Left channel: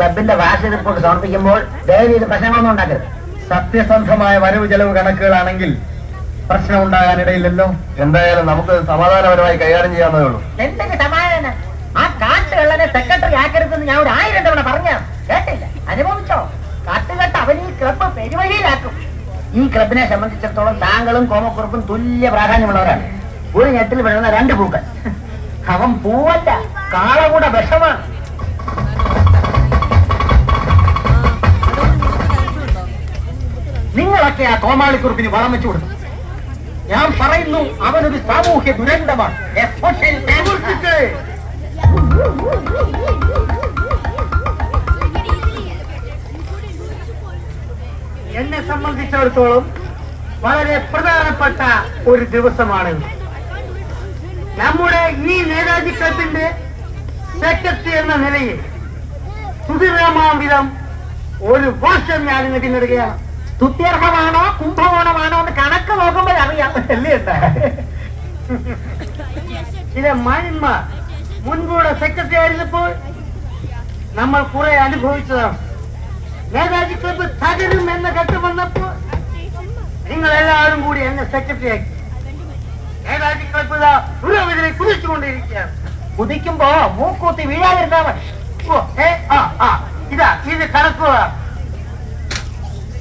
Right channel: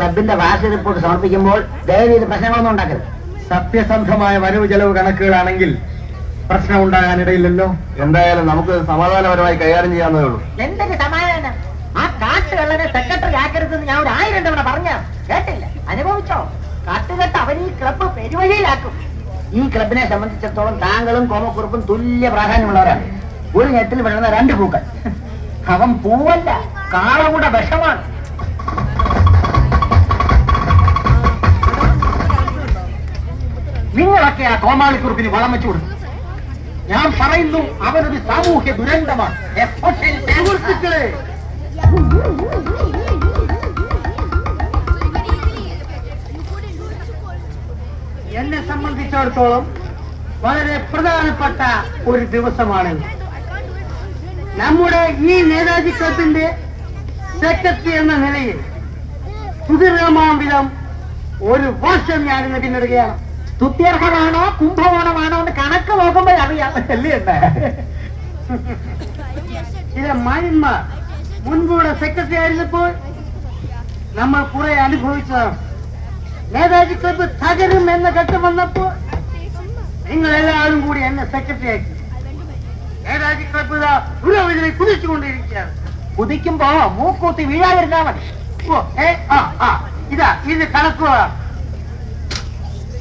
ക്ലബിന്റെ വാർഷിക റിപ്പോർട്ട് സമർപ്പിക്കുമ്പോൾ ദയവ് ചെയ്ത് പ്രശ്നങ്ങളൊന്നും ഉണ്ടാക്കരുത്. സത്യസന്ധമായ വരവ് ചെലവ് കണക്കുകളാണെങ്കിൽ പ്രശ്നം ഉണ്ടാകാനിടയില്ലല്ലോ. എന്തായാലും നമുക്ക് സമാധാനപരമായി കൈകാര്യം ചെയ്യാവുന്നതേ ഉള്ളൂ. എന്തൊക്കെ സമാധാനം? ആ കാട്ടുകള്ളനെ സെക്രട്ടറി ആക്കരുതെന്ന് ഞാൻ ഒരു 1000 തവണ പറഞ്ഞ കേട്ടില്ല. അനുഭവിച്ചോ? കാട്ടുകെട്ട് അവൻ ഈ ക്ലബ് പെരുവഴിയിലാക്കും. ഈ ക്ലബിനെ സംബന്ധിച്ചിടത്തോളം താങ്കളും കോമക്കുറുപ്പും തുല്യ പ്രാധാന്യമുള്ളവരാണ്. ഒരു ഞെട്ടിൽ വീഴുന്ന 2 പൂക്കൾ. അവൻ പൂവല്ല, കാളകൂടെ വിഷമാണ്. നിങ്ങളൊക്കെ ആ കോമാളിക്കുറുപ്പിന് വളം വെച്ചു കൊടുക്കും. ഞാൻ പറയുന്നു, അവനൊരു സാമൂഹ്യ ദുരന്തമാണ്. എന്നെ സംബന്ധിച്ചിടത്തോളം വളരെ പ്രധാനപ്പെട്ട ഒരു ദിവസമാണ്. നമ്മുടെ ഈ നേതാജി ക്ലബിന്റെ സെക്രട്ടറി എന്ന നിലയിൽ സുധീർമാവിധം ഒരു വർഷം ഞാൻ പിന്നിടുകയാണ്. സ്തുത്യർഹമാണോ കുംഭകോണമാണോ എന്ന് കണക്ക് നോക്കുമ്പോൾ അറിയാം. ചില മാന്യന്മാർ മുൻകൂടെ സെക്രട്ടറി ആയിരുന്നപ്പോൾ നമ്മൾ കുറെ അനുഭവിച്ചതാണ്. നേതാജി ക്ലബ് തകരും എന്ന ഘട്ടം വന്നപ്പോൾ നിങ്ങൾ എല്ലാവരും കൂടി എന്നെ സെക്രട്ടറി ആക്കി. നേതാജി ക്ലബ് പുരോഗതിനെ കുതിച്ചുകൊണ്ടിരിക്കുകയാണ്. കുതിക്കുമ്പോ മൂക്കൂത്തി വീഴാതിരുന്നാ മതി. ഇത് കണക്കുക.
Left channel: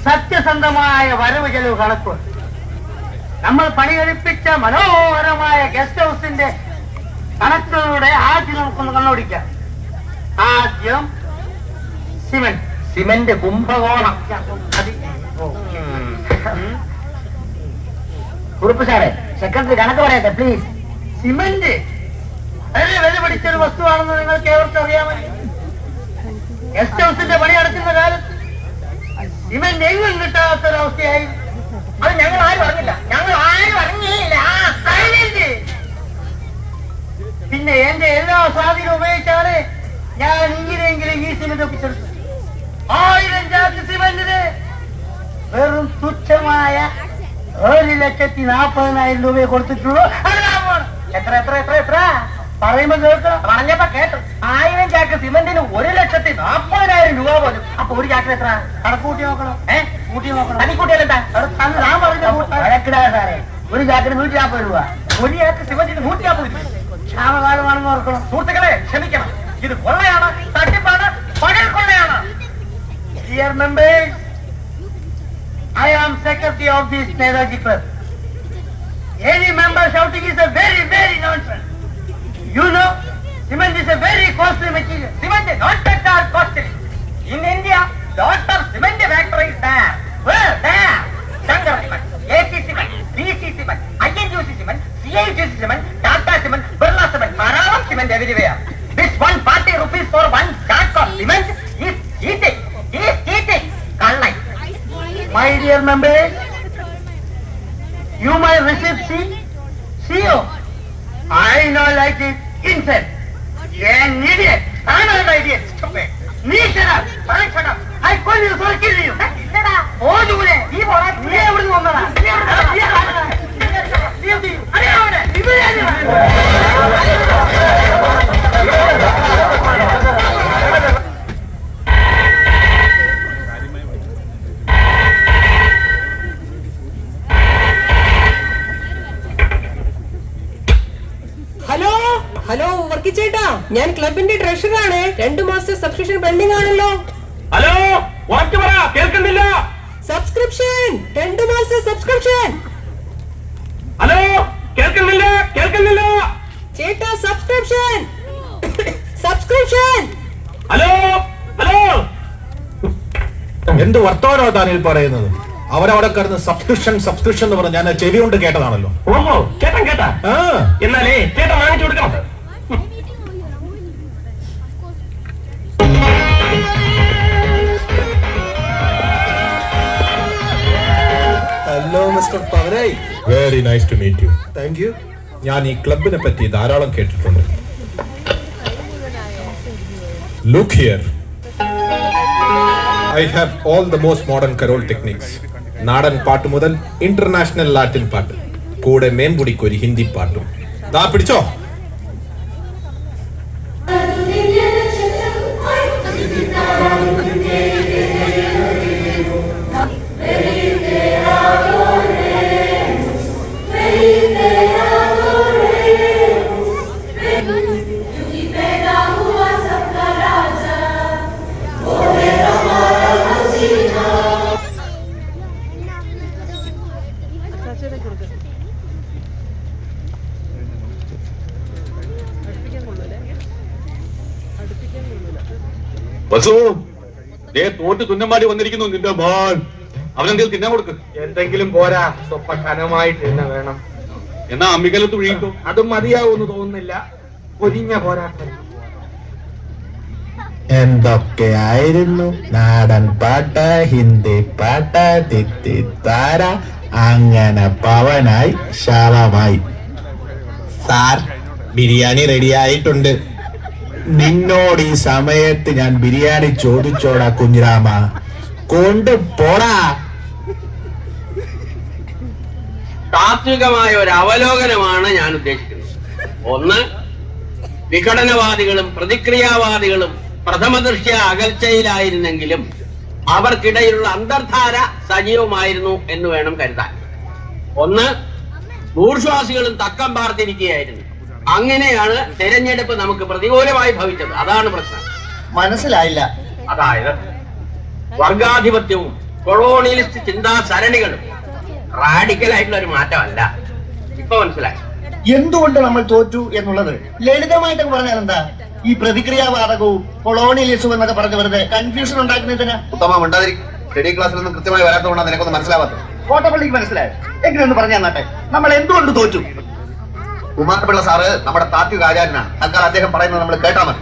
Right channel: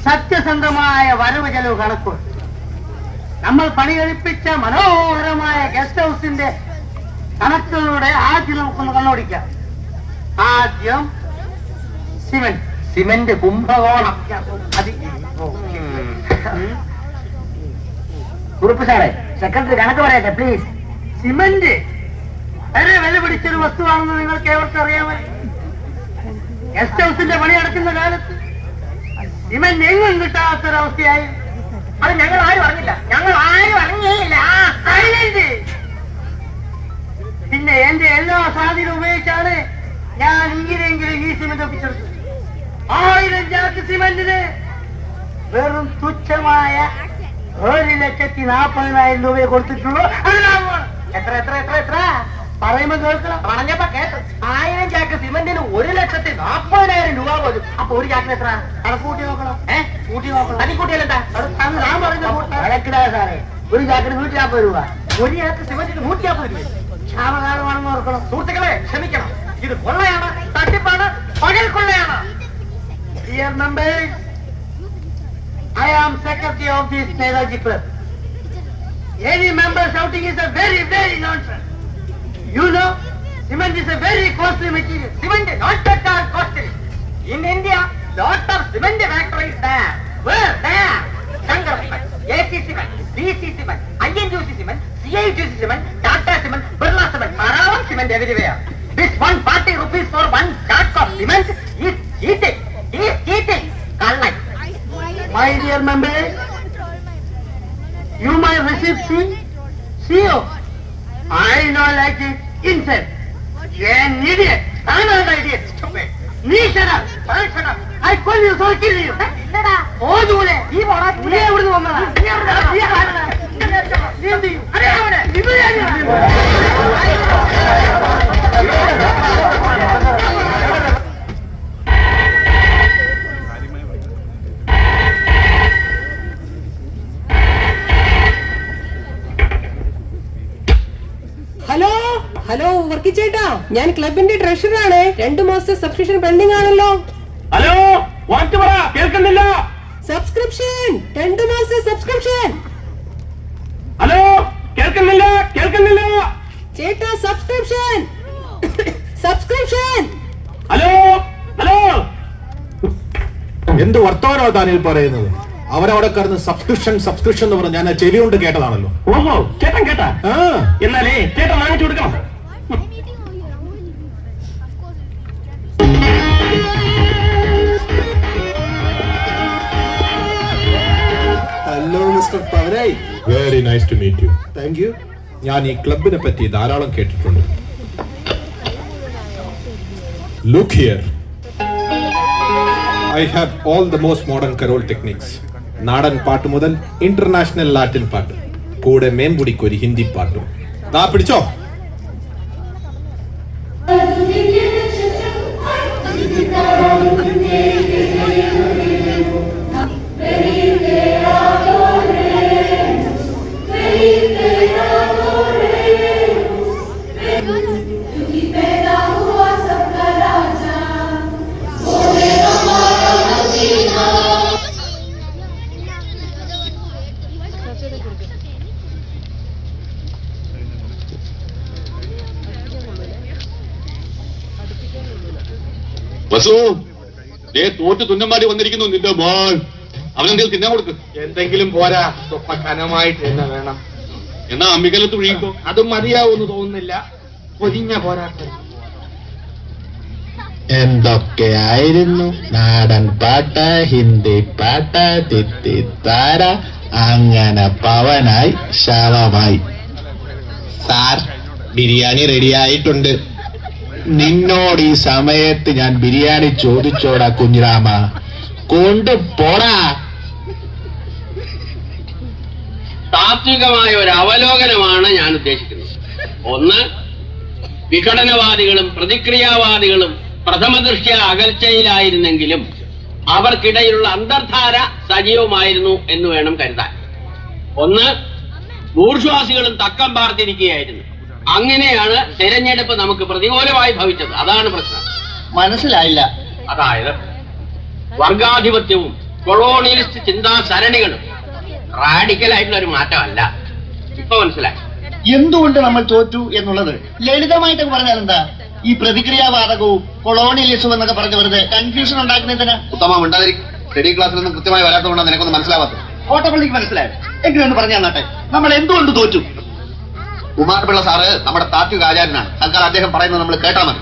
സത്യസന്ധമായ വരവ് ചെലവ് കണക്ക്. നമ്മൾ പണികഴിപ്പിച്ച മനോഹരമായ ഗസ്റ്റ് ഹൗസിന്റെ കണക്കുകളുടെ ആദ്യം നമുക്കൊന്ന് കണ്ണോടിക്കാം. ആദ്യം സിമന്റ് കുംഭകോണം. കുറുപ്പ് സാറേ, സെക്രട്ടറി കണക്ക് പറയട്ടെ പ്ലീസ്. സിമന്റ് വളരെ വില പിടിച്ചൊരു വസ്തുവാണെന്ന് നിങ്ങൾക്ക് ഏവർക്കും അറിയാമോ? ഗസ്റ്റ് ഹൗസിന്റെ പണി നടക്കുന്ന കാലത്ത് സിമന്റ് എങ്ങും കിട്ടാത്തൊരവസ്ഥയായി. അത് ഞങ്ങൾ ആരും അറിഞ്ഞില്ല. പിന്നെ എന്റെ എല്ലാ സ്വാധീനം ഉപയോഗിച്ചാണ് ഞാൻ ഇങ്ങനെയെങ്കിലും ഈ സിമന്റ് ഒപ്പിച്ചെടുത്തത്. 1000 ചാക്ക് സിമന്റിന് വെറും തുച്ഛമായ 1,40,000 രൂപയെ കൊടുത്തിട്ടുള്ളൂ. എത്ര പറയുമ്പോ കേൾക്കണം. പറഞ്ഞപ്പോ കേട്ടു. 1000 ചാക്ക് സിമന്റിന് 1,40,000 രൂപ പോലും. അപ്പൊ ഒരു ചാക്കിന് എത്ര? കണക്കൂട്ടി നോക്കണം. കൂട്ടി നോക്കണം. തനിക്കൂട്ടിയാലെന്താ? സാറേ, ഒരു ചാക്കിന് 140 രൂപ. ഒരു ചാക്ക് സിമന്റിന് 140 രൂപ. ക്ഷാമകാലമാണെന്ന് ഓർക്കണം. സുഹൃത്തുക്കളെ, ക്ഷമിക്കണം. ഇത് കൊള്ളയാണ്, തട്ടിപ്പാണ്, പകൽ കൊള്ളയാണ്. Dear members, I am secretary of this Netaji Club. Any member shouting is a very, very nonsense. You know, cement is a very costly material. Cement is not that costly. In India, lot of cement factories there. Where? There. Shankar Cement, AC Cement, DC Cement, INGC Cement, CIGC Cement, Tata Cement, Birla Cement, Param Cement everywhere. This 140 rupees for 1 sack of cement is cheating. My dear members, you might receive CO. I know like it. Insect. You're an idiot. I'm not an idiot. Stupid. Me shut up. I shut up. I call you so kill you. Oh, you will. You will not. You will not. You will not. Hello Varkey ചേട്ടാ, ഞാൻ ക്ലബിന്റെ ട്രഷറാണ്. 2 മാസത്തെ subscription pending ആണല്ലോ. Hello, കേൾക്കുന്നില്ല. Subscription 2 മാസത്തെ subscription. Hello, കേൾക്കുന്നില്ല. ചേട്ടാ subscription. Hello. എന്ത് വർത്തമാനോ താനിൽ പറയുന്നത്? അവരവിടെ കിടന്ന് സബ്സ്ക്രിപ്ഷൻ എന്ന് പറഞ്ഞ് ഞാൻ ചെവി കൊണ്ട് കേട്ടതാണല്ലോ. ഓഹോ, കേട്ടാ. എന്നാലേ ചേട്ടൻ വാങ്ങിച്ചു കൊടുക്കാം. Hello mister Pavanayi. Very nice to meet you. Thank you. ഞാൻ ഈ ക്ലബിനെ പറ്റി ധാരാളം കേട്ടിട്ടുണ്ട്. Look here, I have all the most modern carol techniques. നാടൻ പാട്ട് മുതൽ ഇന്റർനാഷണൽ ലാറ്റിൻ പാട്ട്, കൂടെ മേൻപുടിക്ക് ഒരു ഹിന്ദി പാട്ടും. ദാ പിടിച്ചോ. വസു ദേ തോറ്റ് തുന്നമാടി വന്നിരിക്കുന്നു നിന്റെ മോൻ. അവനെന്തെങ്കിലും തിന്നാൻ കൊടുക്ക്. എന്തെങ്കിലും പോരാ, സ്വപ്പ കനമായിട്ട് തന്നെ വേണം. എന്നാ അമ്മിക്കലത്ത് വീഴിക്കോ. അതും മതിയാവൂന്ന് തോന്നുന്നില്ല. പൊരിഞ്ഞ പോരാട്ടം. എന്തൊക്കെയായിരുന്നു നാടൻ പാട്ട്, ഹിന്ദി പാട്ട്, തിത്തിത്താര, അങ്ങനെ പവനായി ശവമായി. സാർ, ബിരിയാണി റെഡിയായിട്ടുണ്ട്. നിന്നോട് ഈ സമയത്ത് ഞാൻ ബിരിയാണി ചോദിച്ചോടാ കുഞ്ഞിരാമ, കൊണ്ടുപോടാ. താത്വികമായ ഒരു അവലോകനമാണ് ഞാൻ ഉദ്ദേശിക്കുന്നത്. ഒന്ന്, വിഘടനവാദികളും പ്രതിക്രിയാവാദികളും പ്രഥമ ദൃഷ്ട്യ അകൽച്ചയിലായിരുന്നെങ്കിലും അവർക്കിടയിലുള്ള അന്തർധാര സജീവമായിരുന്നു എന്ന് വേണം കരുതാൻ. ഒന്ന്, ബൂർഷ്വാസികളും തക്കം പാർത്തിരിക്കുകയായിരുന്നു. അങ്ങനെയാണ് തെരഞ്ഞെടുപ്പ് നമുക്ക് പ്രതികൂലമായി ഭവിച്ചത്. അതാണ് പ്രശ്നം. മനസ്സിലായില്ല. അതായത് വർഗാധിപത്യവും കൊളോണിയലിസ്റ്റ് ചിന്താ സരണികളും റാഡിക്കലായിട്ടുള്ള ഒരു മാറ്റമല്ല. ഇപ്പൊ മനസ്സിലായി എന്തുകൊണ്ട് നമ്മൾ തോറ്റു എന്നുള്ളത്. ലളിതമായിട്ട് പറഞ്ഞാൽ എന്താ, ഈ പ്രതിക്രിയാവാദകവും കൊളോണിയലിസവും എന്നൊക്കെ പറഞ്ഞ് വെറുതെ കൺഫ്യൂഷൻ ഉണ്ടാക്കുന്നതിന്. ഉത്തമം ഉണ്ടായിരിക്കും. സ്റ്റഡി ക്ലാസ്സിലൊന്നും കൃത്യമായി വരാത്തതുകൊണ്ടാണ് നിനക്കൊന്നും മനസ്സിലാവാത്തത്. ഓട്ടപ്പള്ളിക്ക് മനസ്സിലായോ? എങ്ങനെയൊന്ന് പറഞ്ഞു തന്നാട്ടെ, നമ്മൾ എന്തുകൊണ്ട് തോറ്റു? കുമാരപിള്ള സാറ് നമ്മുടെ താത്വിക ആചാര്യനാണ്. തൽക്കാലം അദ്ദേഹം പറയുന്നത് നമ്മൾ കേട്ടാൽ മതി.